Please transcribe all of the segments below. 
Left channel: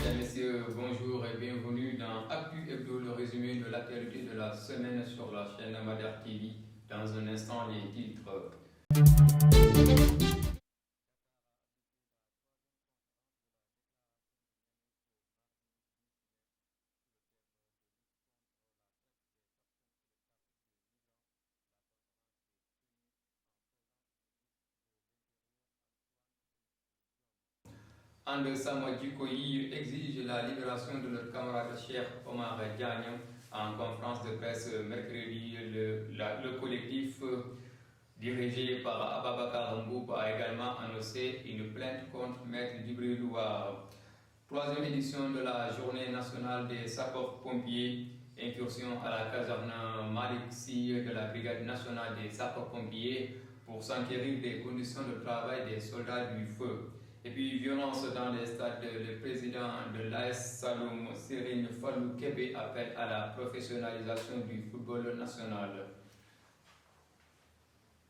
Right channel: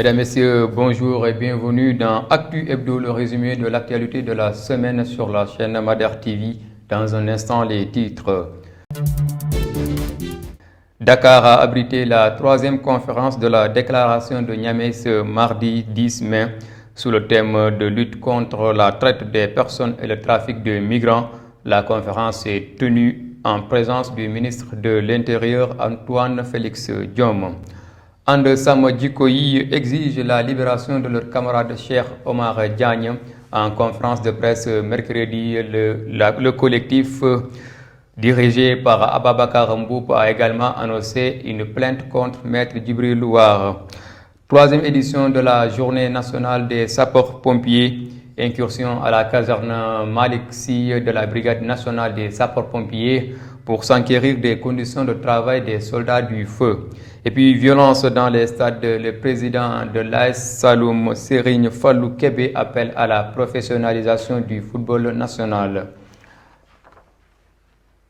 Mesdames, Messieurs, bonjour et bienvenue dans Actu Hebdo, le résumé de l'actualité de la semaine sur la chaîne Madère TV. Dans un instant, les titres. Dakar a abrité la troisième conférence de la déclaration de Niamey ce mardi 10 mai sous le thème de lutte contre la traite des personnes et le trafic de migrants. La conférence est tenue en présence du ministre de l'Intérieur Antoine Félix Diome. And Sam Djikoyi exige la libération de leur camarade Cheikh Omar Diagne. En conférence de presse mercredi, le collectif dirigé par Ababakar Mboup a également annoncé une plainte contre Maître Djibril Louar. Troisième édition de la Journée nationale des sapeurs-pompiers. Incursion à la caserne Malik Sy de la Brigade nationale des sapeurs-pompiers pour s'enquérir des conditions de travail des soldats du feu. Et puis, violence dans les stades. Le président de l'AS Saloum, Serigne Fallou Kébé, appelle à la professionnalisation du football national.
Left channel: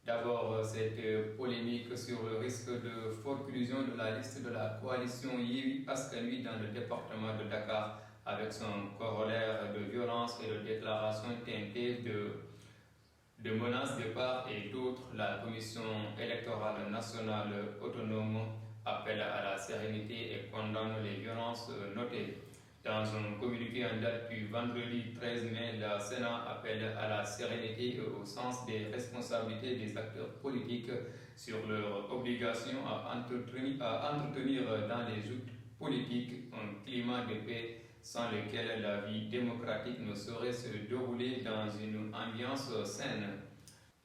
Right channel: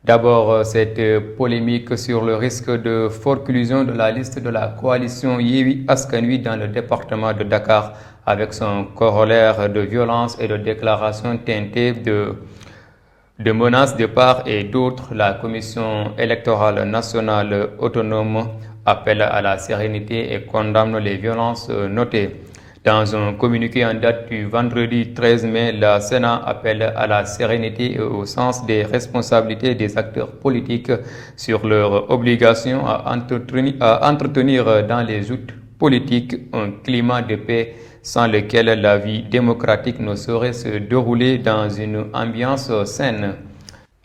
D'abord, cette polémique sur le risque de forclusion de la liste de la coalition Yewwi Askan Wi dans le département de Dakar, avec son corollaire de violence et de déclarations teintées de menaces de part et d'autre. La Commission électorale nationale autonome appelle à la sérénité et condamne les violences notées. Dans un communiqué en date du vendredi 13 mai, la Sénat appelle à la sérénité et au sens des responsabilités des acteurs politiques sur leur obligation à entretenir dans les joutes politiques un climat de paix sans lequel la vie démocratique ne saurait se dérouler dans une ambiance saine.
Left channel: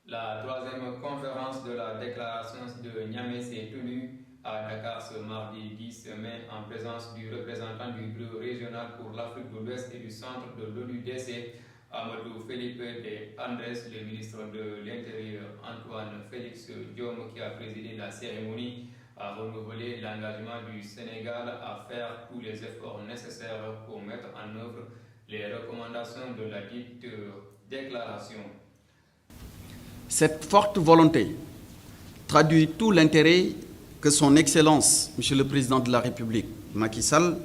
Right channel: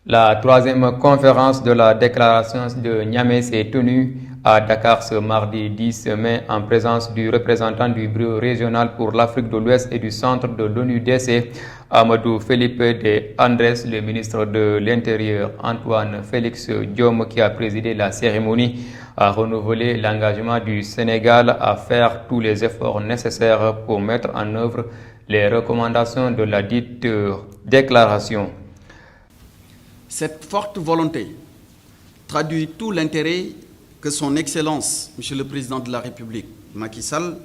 La troisième conférence de la déclaration de Niamey s'est tenue à Dakar ce mardi 10 mai en présence du représentant du bureau régional pour l'Afrique de l'Ouest et du centre de l'ONU-DC, Amadou Philippe de Andrés, le ministre de l'Intérieur Antoine Félix Diome, qui a présidé la cérémonie, a renouvelé l'engagement du Sénégal à faire tous les efforts nécessaires pour mettre en œuvre les recommandations de la dite déclaration. Cette forte volonté traduit tout l'intérêt que son Excellence, Monsieur le Président de la République, Macky Sall,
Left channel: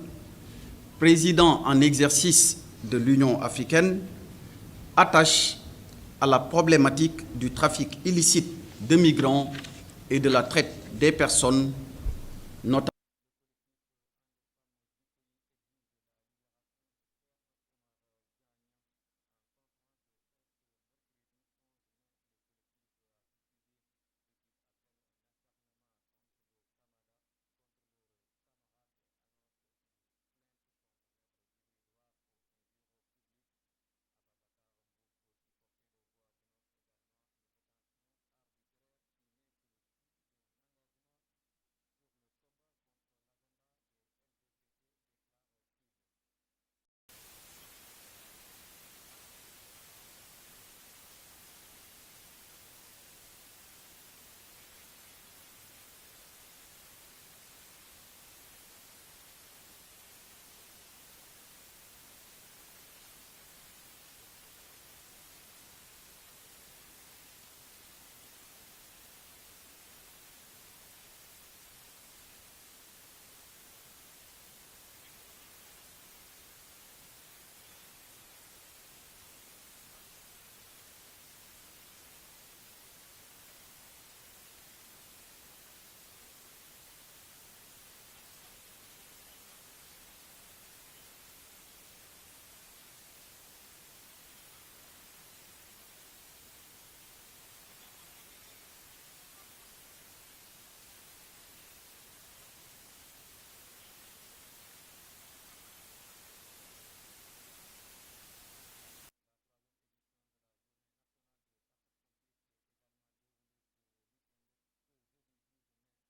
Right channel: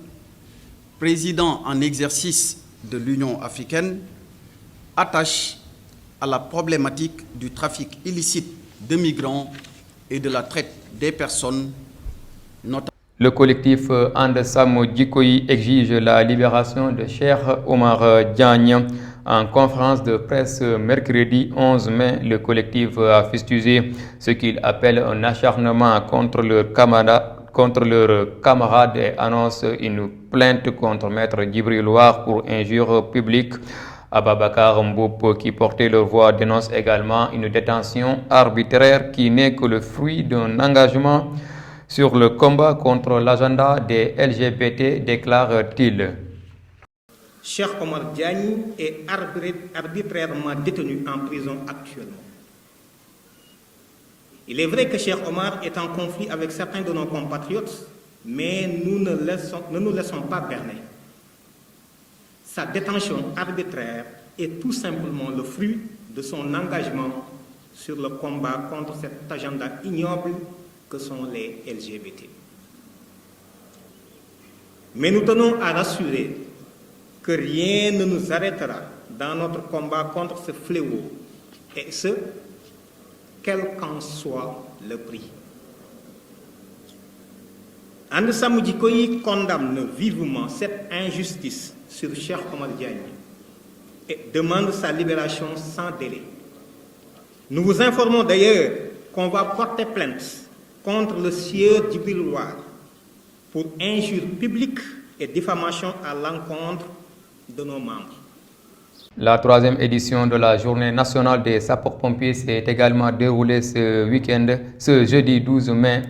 président en exercice de l'Union africaine, attache à la problématique du trafic illicite de migrants et de la traite des personnes, notamment. Le collectif And Sam Djikoyi exige la libération de Cheikh Omar Diagne. En conférence de presse mercredi 11 mai, le collectif a fustigé ce qu'il appelle un acharnement contre leurs camarades et annonce une plainte contre Maître Djibril Louar pour injure publique. Ababakar Mboup, qui portait leur voix, dénonce également une détention arbitraire qui n'est que le fruit d'un engagement sur le combat contre l'agenda des LGBT, déclare-t-il. Cheikh Omar Diagne est arbitrairement détenu en prison actuellement. Il est vrai que Cheikh Omar est en conflit avec certains de nos compatriotes, mais nous ne nous laissons pas berner. Sa détention arbitraire est tout simplement le fruit de son engagement sur le combat contre cet agenda ignoble que sont les LGBT. Mais nous tenons à rassurer que rien ne nous arrêtera dans notre combat contre ce fléau, et ce, quel qu'en soit le prix. And Sam Djikoyi condamne vivement cette injustice sur Cheikh Omar Diagne et demande sa libération sans délai. Nous vous informons d'ailleurs qu'on va porter plainte contre le sieur Djibril Louar pour injure publique et diffamation à l'encontre de nos membres. La troisième édition de la Journée nationale des sapeurs-pompiers s'est également déroulée ce jeudi 12 mai,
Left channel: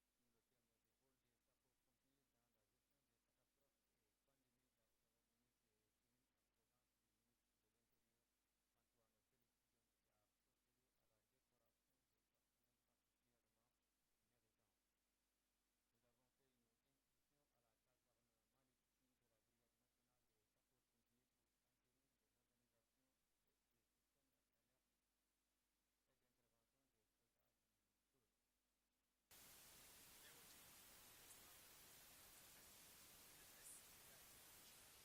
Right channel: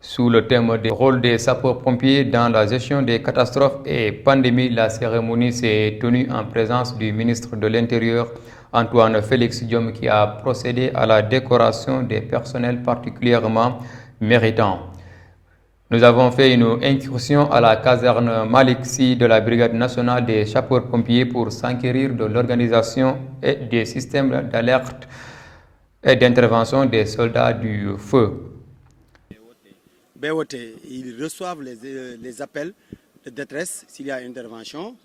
sous le thème du rôle des sapeurs-pompiers dans la gestion des catastrophes et pandémies. La cérémonie s'est tenue en présence du ministre de l'Intérieur, Antoine Félix Diome, qui a procédé à la décoration des personnels particulièrement méritants. Nous avons fait une incursion à la caserne Malik Sy de la Brigade nationale des sapeurs-pompiers pour s'enquérir de l'organisation et des systèmes d'alerte et d'intervention des soldats du feu. BOT, ils reçoivent les appels de détresse s'il y a une intervention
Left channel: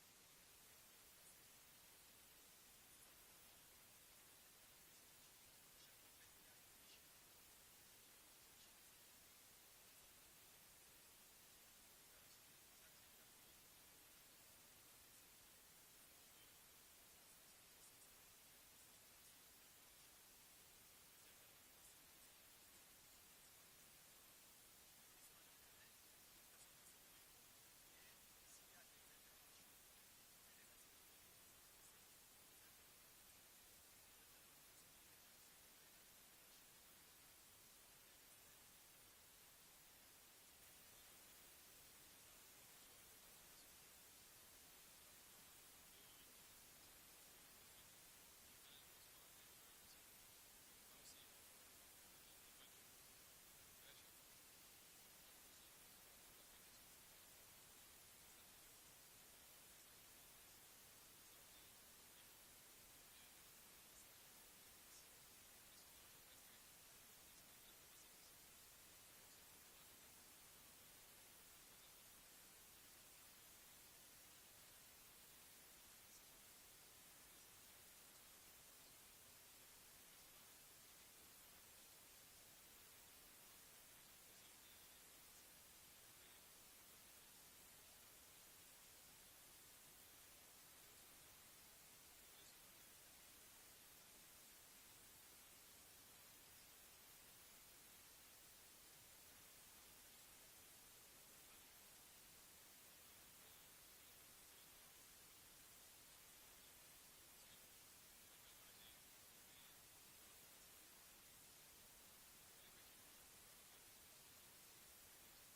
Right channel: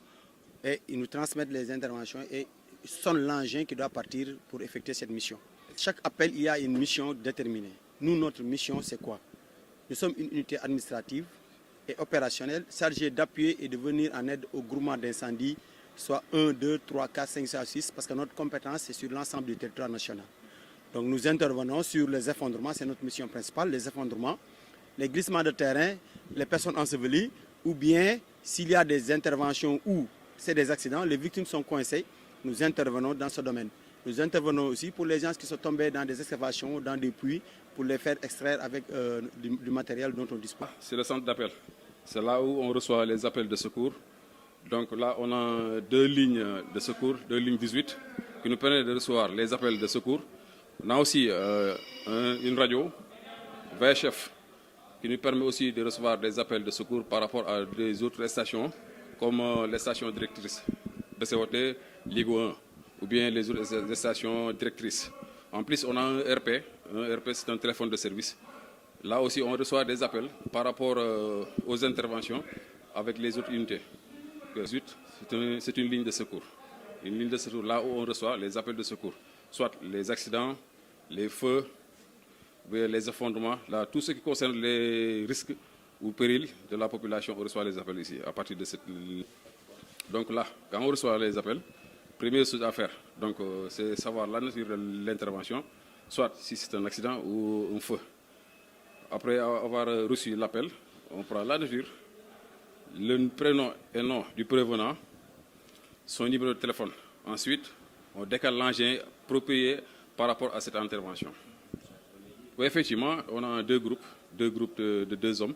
et ils nous transmettent les interventions et ils sonnent l'engin qui doit partir pour effectuer cette mission. Chaque appel, il y a une mission déterminée. Nous, notre mission, c'est quoi? Nous sommes une unité administrative et opérationnelle chargée d'appuyer et de venir en aide au groupement d'incendie, soit 1, 2, 3, 4, 5, 6, parce que notre compétence, c'est sur l'ensemble du territoire national. Donc nous intervenons sur les effondrements, c'est notre mission principale, les effondrements, les glissements de terrain, les personnes ensevelies, ou bien s'il y a des interventions où c'est des accidents, les victimes sont coincées, nous intervenons dans ce domaine. Nous intervenons aussi pour les gens qui sont tombés dans des excavations, dans des puits, pour les faire extraire avec du matériel dont on dispose. C'est le centre d'appel. C'est là où on reçoit les appels de secours. Donc là, on a 2 lignes de secours, 2 lignes 18, qui nous permettent de recevoir les appels de secours. On a aussi une radio, VHF, qui nous permet aussi de recevoir des appels de secours par rapport à des autres stations, comme les stations directrices de COT, Ligue 1, ou bien les autres stations directrices. En plus, on a un RP. Un RP, c'est un téléphone de service. Là aussi, on reçoit des appels par rapport aux interventions avec les autres unités. C'est une ligne de secours. Une ligne de secours là où on reçoit les appels de secours. Soit les accidents, les feux, les effondrements, là, tout ce qui concerne les risques ou périls de la population, on reçoit les appels ici, à partir de cette ligne. Donc là, quand on reçoit les appels, première chose à faire, c'est savoir la nature de l'intervention, soit si c'est un accident ou un feu. Après avoir reçu l'appel, on prend la nature, le prénom et nom du prévenant, son numéro de téléphone. Ensuite, on décale l'engin approprié par rapport à cette intervention. Oui, effectivement, on a 2 groupes de 2 hommes,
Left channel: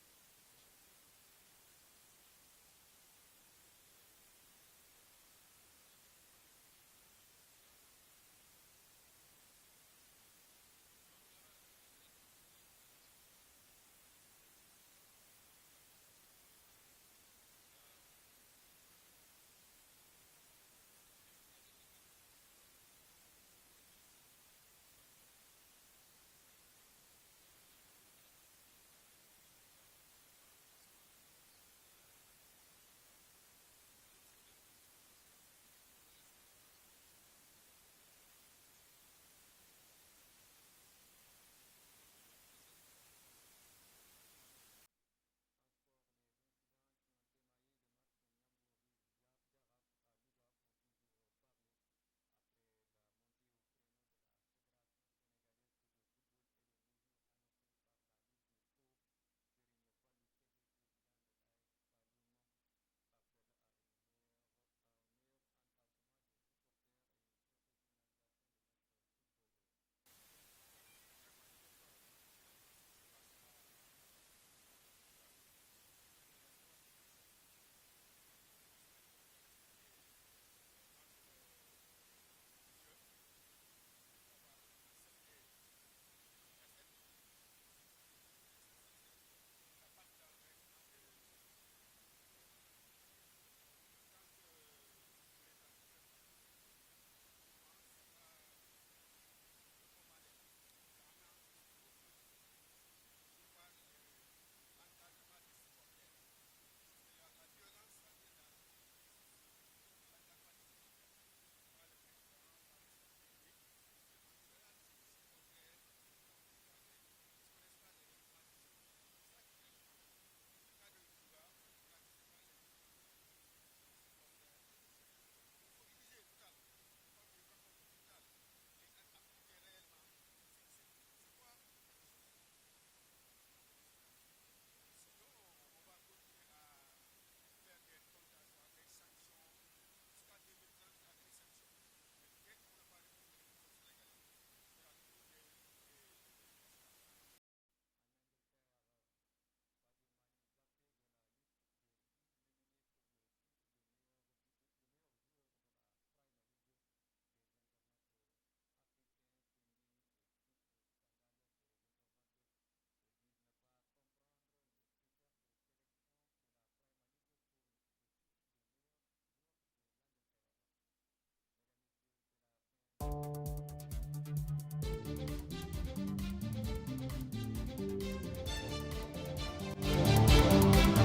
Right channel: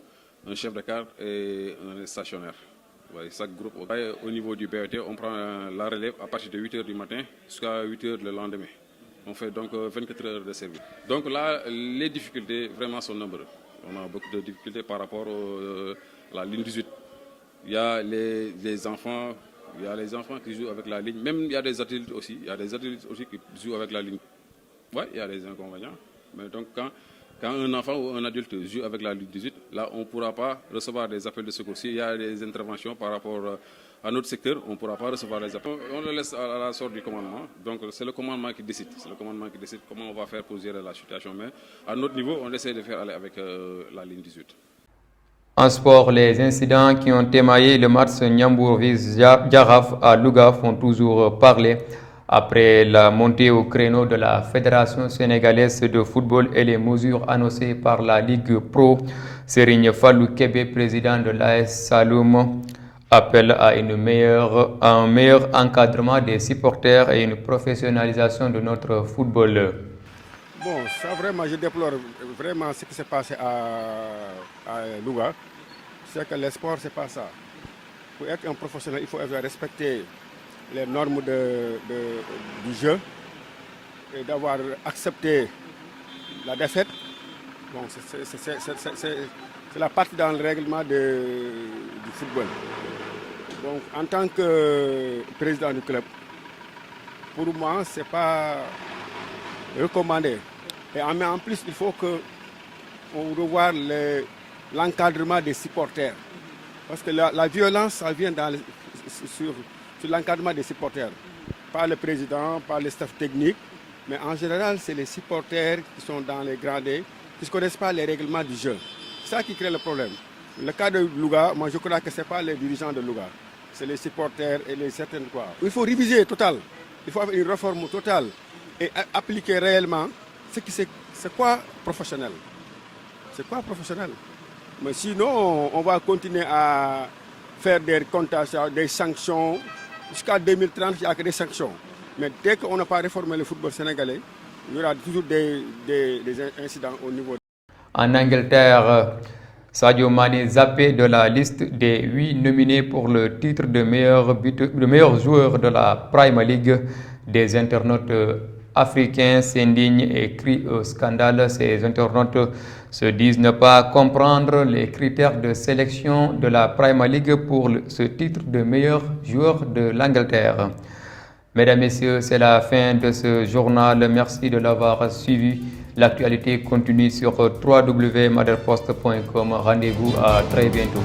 un chef de car et un stationnaire. Ouais, chaque groupe, au niveau du BET, on prend la relève à partir de 8 h du matin jusqu'à 8 h le lendemain. On fait donc 24 heures de service. Donc là, les difficultés vraiment sont nombreuses. On a beaucoup de difficultés par rapport à la ligne 18. Il y a les enfants, qui jouent avec la ligne. Même il y a des adultes aussi. Il y a des adultes aussi qui jouent avec la ligne. Oui, il y a des inconvénients. Mais donc quand un enfant ou un adulte joue avec la ligne 18, là on ne pourra pas recevoir des appels de secours. S'il y a des interventions par rapport à notre secteur, on ne pourra pas recevoir les appels. On le laisse à la sorte du commandement. Donc c'est le commandement qui décide. C'est le commandement qui décide comment on va faire pour gérer la situation. Mais à notre niveau, on essaie de faire aller avec la ligne 18. En sport, les incidents qui ont émaillé le match Ndiambour-Jaraaf à Louga font toujours parler. Après la montée au créneau de la Fédération sénégalaise de football et les mesures annoncées par la Ligue Pro, Serigne Fallou Kébé, président de l'AS Saloum, appelle à un meilleur encadrement des supporters et une professionnalisation de notre football. Bon, ça vraiment, je déplore vraiment ce qui s'est passé à Louga. C'est que le sport, c'est pas ça. Pour être un professionnel, il faut respecter les normes du jeu et d'avoir accepté la défaite. Bon, c'est la partie dans le règlement du football. Donc, en tant que président du club, pour moi, ce n'est pas recommandé. Et en plus, il faut qu'on revoie l'encadrement des supporters. Parce que la violence, ça vient sur l'encadrement des supporters. Pas le président, pas le staff technique, mais en général, c'est les supporters qui sont dans les gradés, qui ne connaissent pas les règlements du jeu. C'est ça qui crée le problème. Le cas de Louga, moi je crois que ce n'est pas les dirigeants de Louga, c'est les supporters et les certaines quoi. Il faut réviser total, il faut avoir une réforme totale et appliquer réellement c'est quoi professionnel. C'est quoi professionnel? Mais sinon, on va continuer à faire des comptations, des sanctions. Jusqu'à 2030, il n'y a que des sanctions. Mais dès qu'on n'a pas réformé le football sénégalais, il y aura toujours des incidents au niveau. En Angleterre, Sadio Mané zappé de la liste des 8 nominés pour le titre de meilleur joueur de la Premier League. Des internautes africains s'indignent et crient au scandale. Ces internautes se disent ne pas comprendre les critères de sélection de la Premier League pour ce titre de meilleur joueur de l'Angleterre. Mesdames, Messieurs, c'est la fin de ce journal. Merci de l'avoir suivi. L'actualité continue sur www.maderpost.com. Rendez-vous à très bientôt.